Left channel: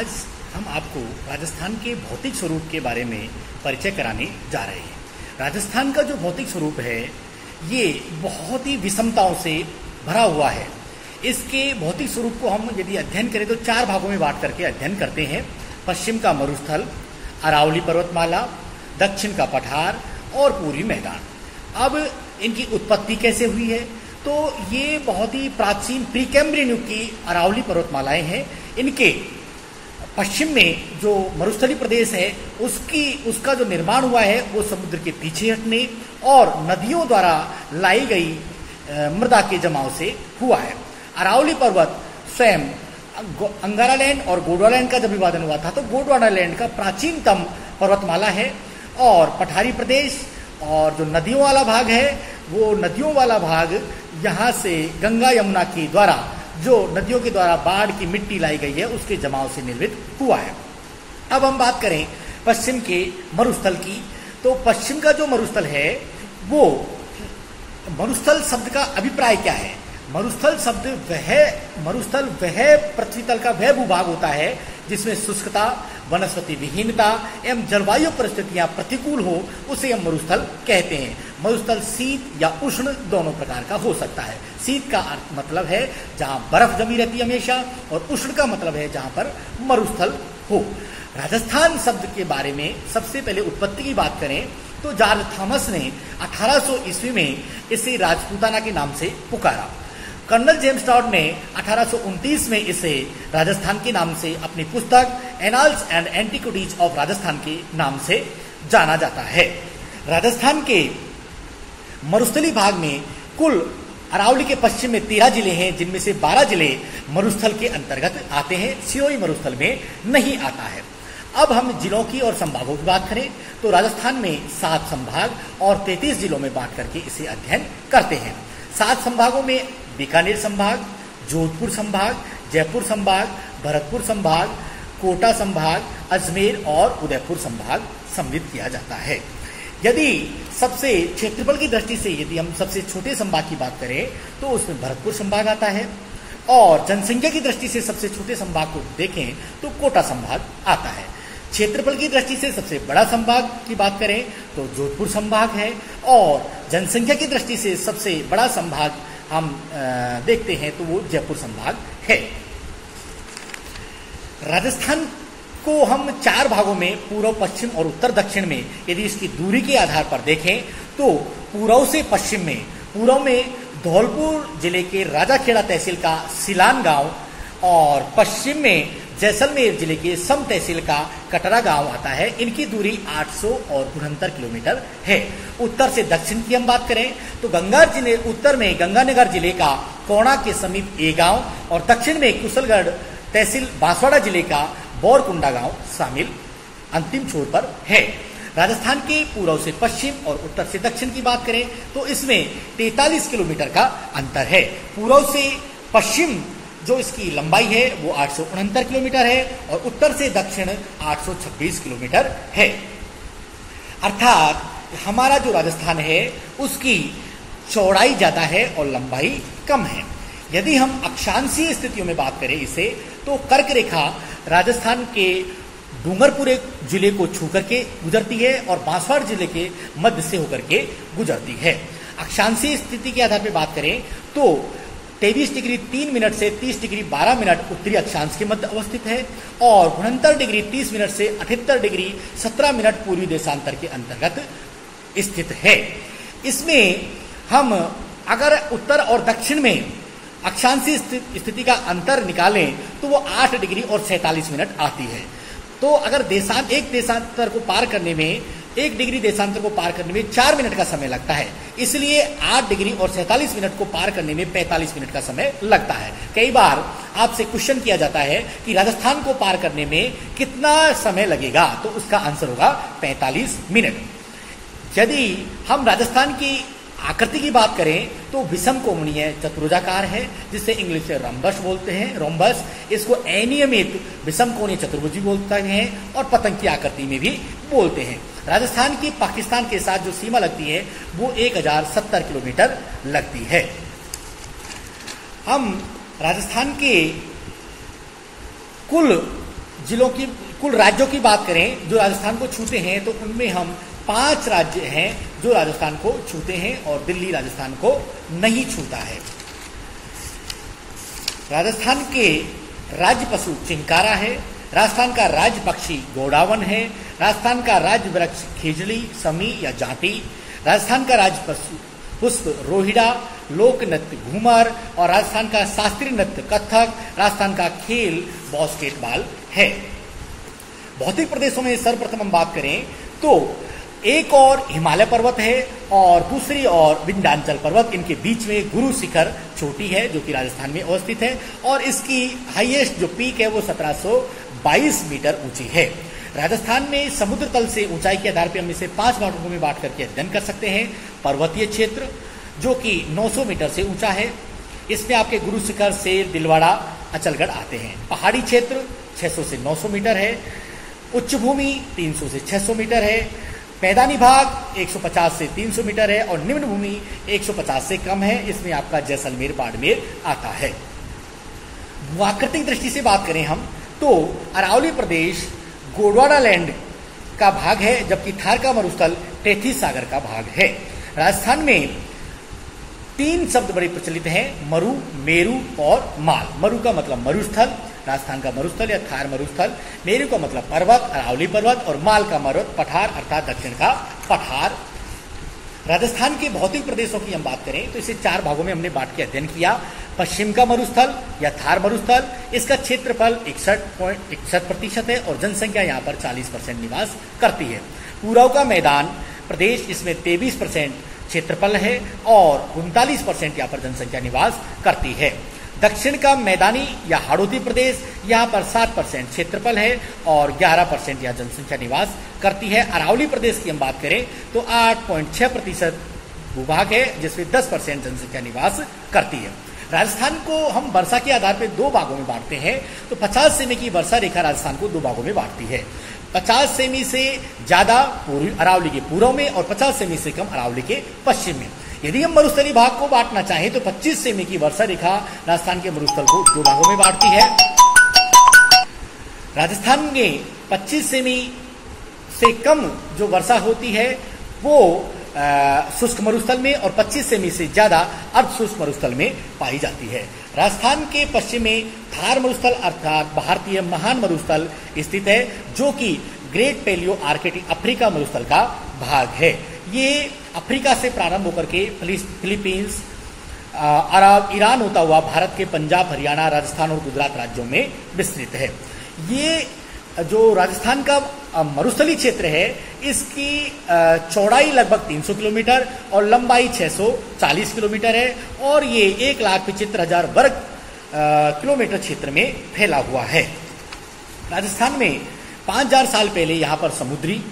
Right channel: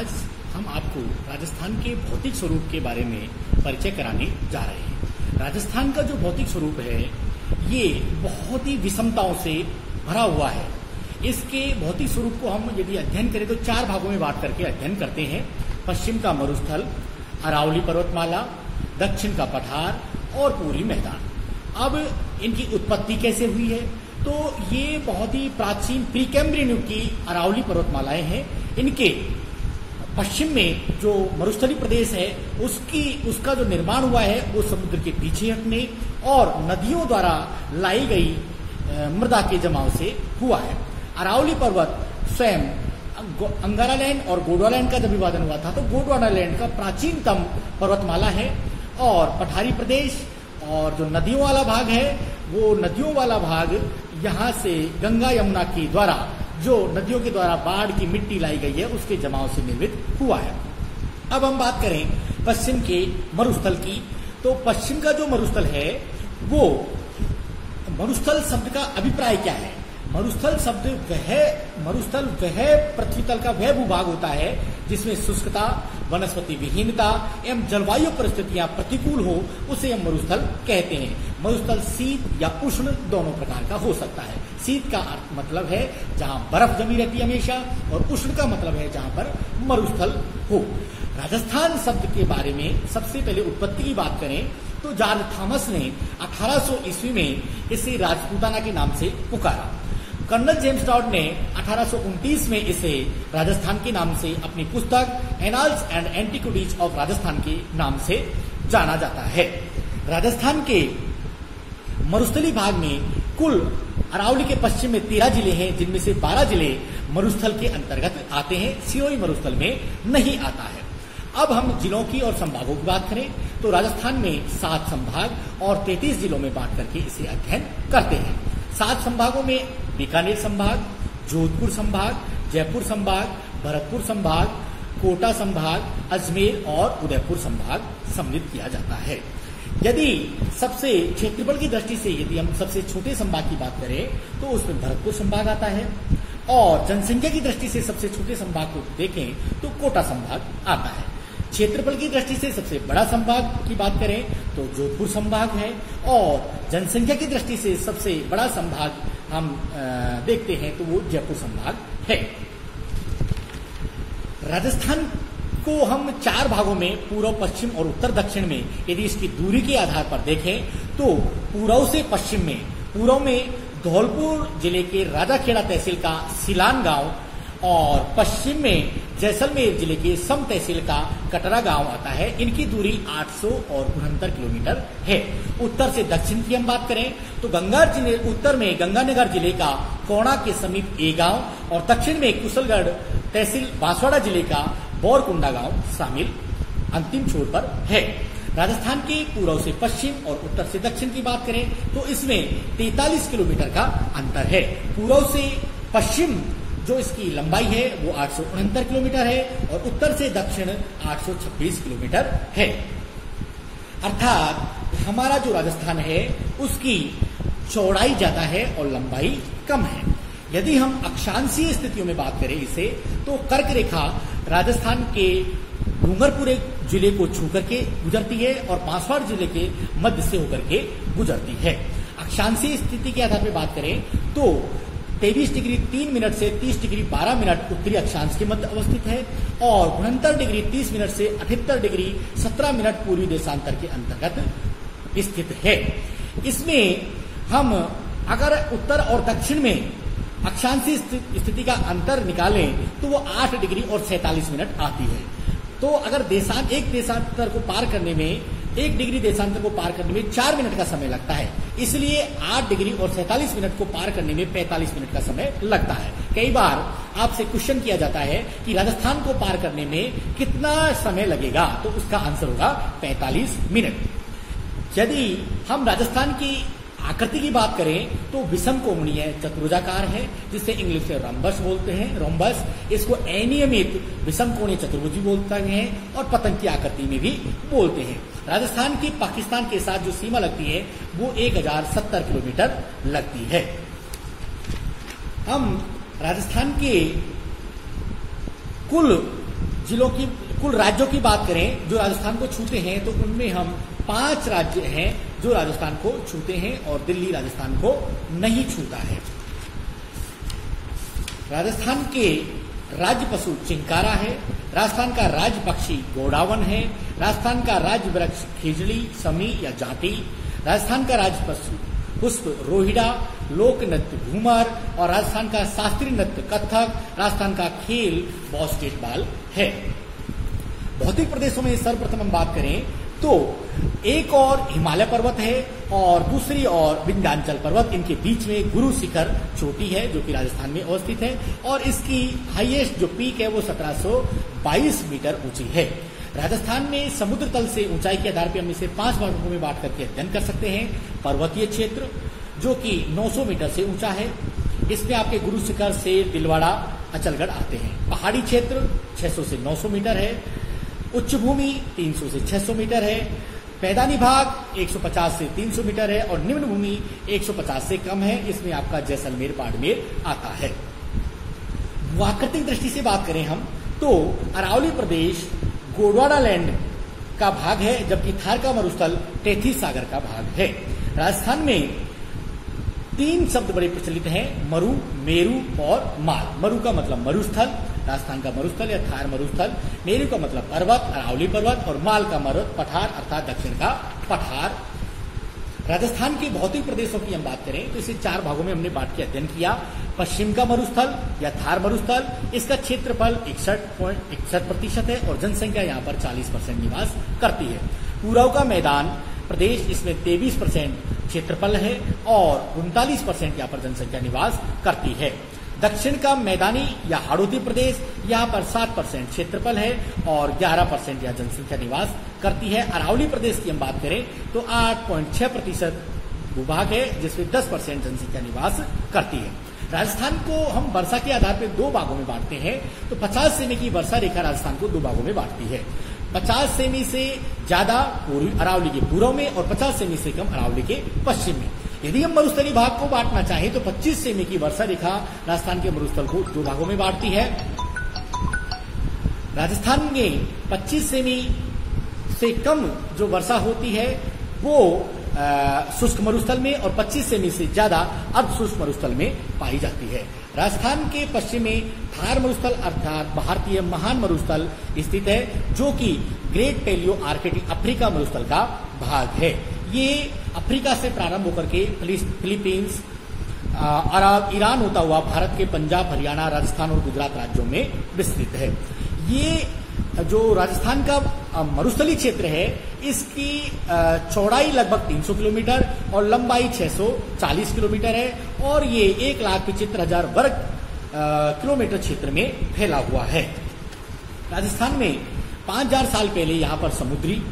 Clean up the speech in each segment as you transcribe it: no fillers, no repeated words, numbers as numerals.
आज हम आपको राजस्थान के भौतिक स्वरूप के बारे में परिचय कराने जा रहे हैं। राजस्थान का जो भौतिक स्वरूप है ये बहुत ही विषमताओं से भरा हुआ है। इसके भौतिक स्वरूप को हम यदि अध्ययन करें तो 4 भागों में बांट करके अध्ययन करते हैं। पश्चिम का मरुस्थल, अरावली पर्वतमाला, दक्षिण का पठार और पूर्वी मैदान। अब इनकी उत्पत्ति कैसे हुई है? तो ये बहुत ही प्राचीन प्रीकैम्ब्रियन युग की अरावली पर्वतमालाएं हैं। इनके पश्चिम में जो मरुस्थली प्रदेश है उसका जो निर्माण हुआ है वो समुद्र के पीछे हटने और नदियों द्वारा लाई गई मृदा के जमाव से हुआ है। अरावली पर्वत स्वयं अंगारालैंड और गोंडवानालैंड का जब विभाजन हुआ था तो गोंडवानालैंड का प्राचीनतम पर्वतमाला है। और पठारी प्रदेश और जो नदियों वाला भाग है वो नदियों वाला भाग यहाँ से गंगा यमुना के द्वारा जो नदियों के द्वारा बाढ़ की मिट्टी लाई गई है उसके जमाव से निर्मित हुआ है। अब हम बात करें पश्चिम के मरुस्थल की, तो पश्चिम का जो मरुस्थल है वो मरुस्थल शब्द का अभिप्राय क्या है? मरुस्थल वह पृथ्वी तल का वह भूभाग होता है जिसमें शुष्कता, वनस्पति विहीनता एवं जलवायु परिस्थितियां प्रतिकूल हो, उसे हम मरुस्थल कहते हैं। मरुस्थल शीत या उष्ण दोनों प्रकार का हो सकता है। शीत का अर्थ मतलब है जहां बर्फ जमी रहती है हमेशा, और उष्ण का मतलब है जहां पर मरुस्थल हो। राजस्थान शब्द के बारे में सबसे पहले उत्पत्ति की बात करें तो जॉर्ज थॉमस ने 1800 ईस्वी में इसे राजपूताना के नाम से पुकारा। कर्नल जेम्स टॉड ने 1829 में इसे राजस्थान के नाम से अपनी पुस्तक annals and antiquities of Rajasthan के नाम से जाना जाता है। राजस्थान के मरुस्थली भाग में कुल अरावली के पश्चिम में 13 जिले हैं, जिनमें से 12 जिले मरुस्थल के अंतर्गत आते हैं। सिरोही मरुस्थल में नहीं आता है। अब हम जिलों की और संभागों की बात करें तो राजस्थान में 7 संभाग और 33 जिलों में बांट करके इसे अध्ययन करते हैं। 7 संभागों में बीकानेर संभाग, जोधपुर संभाग, जयपुर संभाग, भरतपुर संभाग, कोटा संभाग, अजमेर और उदयपुर संभाग सम्मिलित किया जाता है। यदि सबसे क्षेत्रफल की दृष्टि से यदि हम सबसे छोटे संभाग की बात करें तो उसमें भरतपुर संभाग आता है, और जनसंख्या की दृष्टि से सबसे छोटे संभाग को देखें तो कोटा संभाग आता है। क्षेत्रफल की दृष्टि से सबसे बड़ा संभाग की बात करें तो जोधपुर संभाग है, और जनसंख्या की दृष्टि से सबसे बड़ा संभाग हम देखते हैं तो वो जयपुर संभाग है। राजस्थान को हम 4 भागों में पूर्व, पश्चिम और उत्तर दक्षिण में यदि इसकी दूरी के आधार पर देखें तो पूर्व से पश्चिम में, पूर्व में धौलपुर जिले के राजाखेड़ा तहसील का सिलान गांव और पश्चिम में जैसलमेर जिले के सम तहसील का कटरा गांव आता है। इनकी दूरी 869 किलोमीटर है। उत्तर से दक्षिण की हम बात करें तो उत्तर में गंगानगर जिले का कोणा के समीप ए गांव और दक्षिण में कुशलगढ़ तहसील बांसवाड़ा जिले का बोरकुंडा गांव शामिल अंतिम छोर पर है। राजस्थान के पूर्व से पश्चिम और उत्तर से दक्षिण की बात करें तो इसमें 43 किलोमीटर का अंतर है। पूर्व से पश्चिम जो इसकी लंबाई है वो 869 किलोमीटर है और उत्तर से दक्षिण 826 किलोमीटर है। अर्थात हमारा जो राजस्थान है उसकी चौड़ाई ज्यादा है और लंबाई कम है। यदि हम अक्षांशीय स्थितियों में बात करें इसे तो कर्क रेखा राजस्थान के डूंगरपुर जिले को छू करके गुजरती है और बांसवाड़ा जिले के मध्य से होकर के गुजरती है। अक्षांशीय स्थिति के आधार पर बात करें तो 23 डिग्री 3 मिनट से 30 डिग्री 12 मिनट उत्तरी अक्षांश के मध्य अवस्थित है और 69 डिग्री 30 मिनट से 78 डिग्री 17 मिनट पूर्वी देशांतर के अंतर्गत स्थित है। इसमें हम अगर उत्तर और दक्षिण में अक्षांशीय स्थिति का अंतर निकालें तो वो 8 डिग्री और 47 मिनट आती है। तो अगर एक देशांतर को पार करने में 1 डिग्री देशांतर को पार करने में 4 मिनट का समय लगता है, इसलिए 8 डिग्री और 47 मिनट को पार करने में 45 मिनट का समय लगता है। कई बार आपसे क्वेश्चन किया जाता है कि राजस्थान को पार करने में कितना समय लगेगा, तो उसका आंसर होगा 45 मिनट। यदि हम राजस्थान की आकृति की बात करें तो विषम कोणीय चतुर्भुजाकार है, जिसे इंग्लिश में रंबस बोलते हैं, रोम्बस। इसको अनियमित विषम कोणीय चतुर्भुज भी बोलते हैं और पतंग की आकृति में भी बोलते हैं। राजस्थान की पाकिस्तान के साथ जो सीमा लगती है वो 1070 किलोमीटर लगती है। हम राजस्थान के कुल जिलों की, कुल राज्यों की बात करें जो राजस्थान को छूते हैं, तो उनमें हम 5 राज्य हैं जो राजस्थान को छूते हैं और दिल्ली राजस्थान को नहीं छूता है। राजस्थान के राज्य पशु चिंकारा है, राजस्थान का राज्य पक्षी गोडावन है, राजस्थान का राज्य वृक्ष खिजली, समी या जाति, राजस्थान का राज्य पशु पुष्प रोहिड़ा, लोक नृत्य घूमर और राजस्थान का शास्त्रीय नृत्य कथक, राजस्थान का खेल बास्केटबॉल है। भौतिक प्रदेशों में सर्वप्रथम हम बात करें तो एक और हिमालय पर्वत है और दूसरी ओर विंध्याचल पर्वत, इनके बीच में गुरु शिखर चोटी है जो कि राजस्थान में अवस्थित है और इसकी हाईएस्ट जो पीक है वो 1722 मीटर ऊंची है। राजस्थान में समुद्र तल से ऊंचाई के आधार पर हम इसे 5 भागों में बांट करके अध्ययन कर सकते हैं। पर्वतीय क्षेत्र जो कि 900 मीटर से ऊंचा है, इसमें आपके गुरु शिखर, सेर, दिलवाड़ा, अचलगढ़ आते हैं। पहाड़ी क्षेत्र 600 से 900 मीटर है, उच्च भूमि 300 से 600 मीटर है, मैदानी भाग 150 से 300 मीटर है और निम्न भूमि 150 से कम है। इसमें आपका जैसलमेर, बाड़मेर आता है। भूआकृतिक दृष्टि से बात करें हम तो अरावली प्रदेश गोंडवाना लैंड का भाग है, जबकि थार का मरुस्थल तेथिस सागर का भाग है। राजस्थान में 3 शब्द बड़े प्रचलित हैं, मरु, मेरु और माल। मरु का मतलब मरुस्थल, राजस्थान का मरुस्थल या थार मरुस्थल, मेरु का मतलब पर्वत, अरावली पर्वत और माल का पर्वत, पठार अर्थात दक्षिण का पठार। राजस्थान के भौतिक प्रदेशों की हम बात करें तो इसे 4 भागों में हमने बांट के अध्ययन किया। पश्चिम का मरुस्थल या थार मरुस्थल, इसका क्षेत्रफल 61.61% है और जनसंख्या यहाँ पर 40% निवास करती है। पूर्व का मैदान प्रदेश, इसमें 23% क्षेत्रफल है और 39% यहाँ पर जनसंख्या निवास करती है। दक्षिण का मैदानी या हाड़ौती प्रदेश, यहाँ पर 7% क्षेत्रफल है और 11% यहाँ जनसंख्या निवास करती है। अरावली प्रदेश की हम बात करें तो 8.6% भूभाग है जिसमें 10% जनसंख्या निवास करती है। राजस्थान को हम वर्षा के आधार पर 2 भागों में बांटते हैं तो 50 सेमी की वर्षा रेखा राजस्थान को 2 भागों में बांटती है। 50 सेमी से ज्यादा अरावली के पूर्व में और 50 सेमी से कम अरावली के पश्चिम में। यदि हम मरुस्थलीय भाग को बांटना चाहें तो 25 सेमी की वर्षा रेखा राजस्थान के मरुस्थल को 2 भागों में बांटती है। राजस्थान में 25 सेमी से कम जो वर्षा होती है वो शुष्क मरुस्थल में और 25 सेमी से ज्यादा अर्ध शुष्क मरुस्थल में पाई जाती है। राजस्थान के पश्चिम में थार मरुस्थल अर्थात भारतीय महान मरुस्थल स्थित है जो कि ग्रेट पैलियो आर्कटिक अफ्रीका मरुस्थल का भाग है। ये अफ्रीका से प्रारंभ होकर के फिलीपींस, अरब, ईरान होता हुआ भारत के पंजाब, हरियाणा, राजस्थान और गुजरात राज्यों में विस्तृत है। ये जो राजस्थान का मरुस्थलीय क्षेत्र है इसकी चौड़ाई लगभग 300 किलोमीटर और लंबाई 640 किलोमीटर है और ये 1,75,000 वर्ग किलोमीटर क्षेत्र में फैला हुआ है। राजस्थान में 5000 साल पहले यहाँ पर समुद्री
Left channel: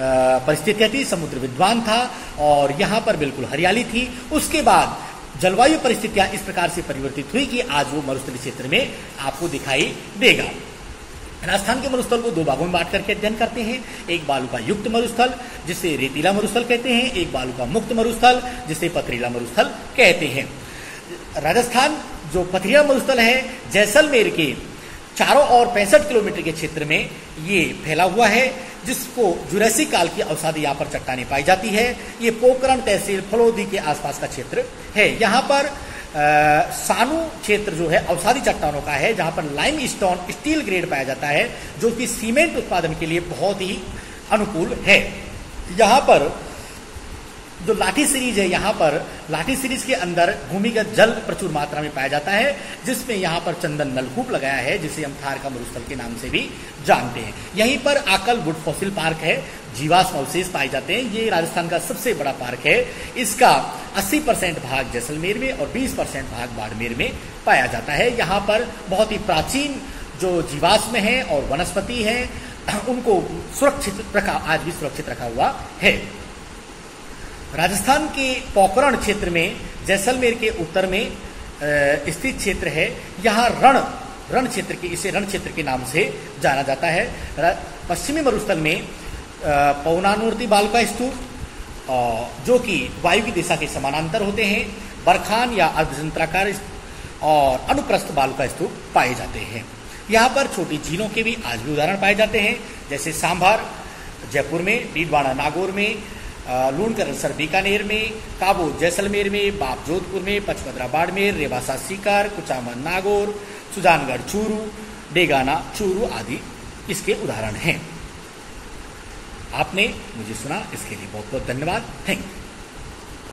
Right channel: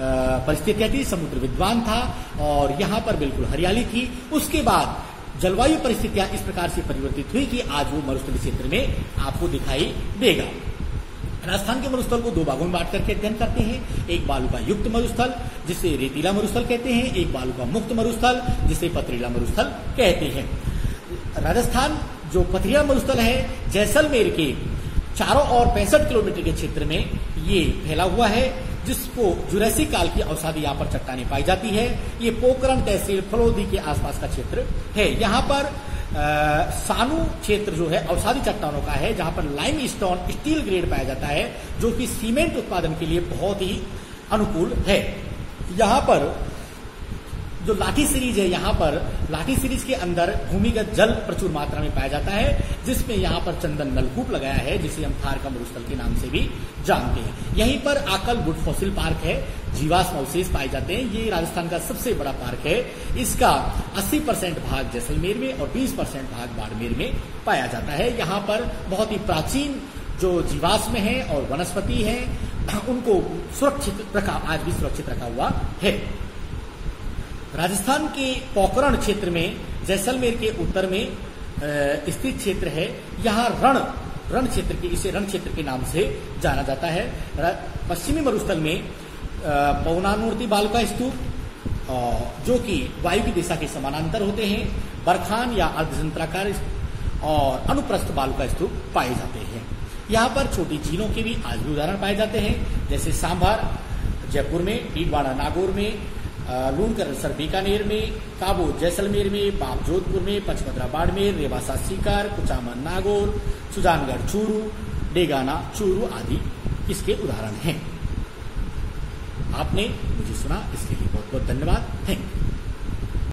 परिस्थितियां थी, समुद्र विद्वान था और यहाँ पर बिल्कुल हरियाली थी। उसके बाद जलवायु परिस्थितियां इस प्रकार से परिवर्तित हुई कि आज वो मरुस्थलीय क्षेत्र में आपको दिखाई देगा। राजस्थान के मरुस्थल को 2 भागों में बांट करके अध्ययन करते हैं। एक बालुका युक्त मरुस्थल जिसे रेतीला मरुस्थल कहते हैं, एक बालुका मुक्त मरुस्थल जिसे पथरीला मरुस्थल कहते हैं। राजस्थान जो पथरीला मरुस्थल है जैसलमेर के चारों ओर 65 किलोमीटर के क्षेत्र में ये फैला हुआ है जिसको जुरैसिक काल की अवसादी यहाँ पर चट्टानें पाई जाती है। ये पोखरण तहसील फलोदी के आसपास का क्षेत्र है। यहाँ पर सानू क्षेत्र जो है अवसादी चट्टानों का है जहां पर लाइम स्टोन स्टील ग्रेड पाया जाता है जो कि सीमेंट उत्पादन के लिए बहुत ही अनुकूल है। यहाँ पर जो लाठी सीरीज है, यहाँ पर लाठी सीरीज के अंदर भूमिगत जल प्रचुर मात्रा में पाया जाता है जिसमें यहाँ पर चंदन नलकूप लगाया है जिसे हम थार का मरुस्थल के नाम से भी जानते हैं। यहीं पर आकल वुड फॉसिल पार्क है, जीवाश्म अवशेष पाए जाते हैं। ये राजस्थान का सबसे बड़ा पार्क है। इसका 80% भाग जैसलमेर में और 20% भाग बाड़मेर में पाया जाता है। यहाँ पर बहुत ही प्राचीन जो जीवाश्म है और वनस्पति है उनको सुरक्षित रखा, आज भी सुरक्षित रखा हुआ है। राजस्थान के पोखरण क्षेत्र में जैसलमेर के उत्तर में स्थित क्षेत्र है। यहाँ रण क्षेत्र के, इसे रण क्षेत्र के नाम से जाना जाता है। पश्चिमी मरुस्थल में पौनानूर्ति बालुका स्तूप जो कि वायु की दिशा के समानांतर होते हैं, बरखान या अर्धचंद्राकार और अनुप्रस्थ बालुका स्तूप पाए जाते हैं। यहाँ पर छोटी झीलों के भी आज भी उदाहरण पाए जाते हैं, जैसे सांभर जयपुर में, डीडवाड़ा नागौर में, लूणकरणसर बीकानेर में, काबो जैसलमेर में, बाप जोधपुर में, पचमदरा बाड़मेर, रेवासा सीकर, कुचामन नागौर, सुजानगढ़ चूरू, डेगाना चूरू आदि इसके उदाहरण हैं। आपने मुझे सुना, इसके लिए बहुत बहुत धन्यवाद। Thank you.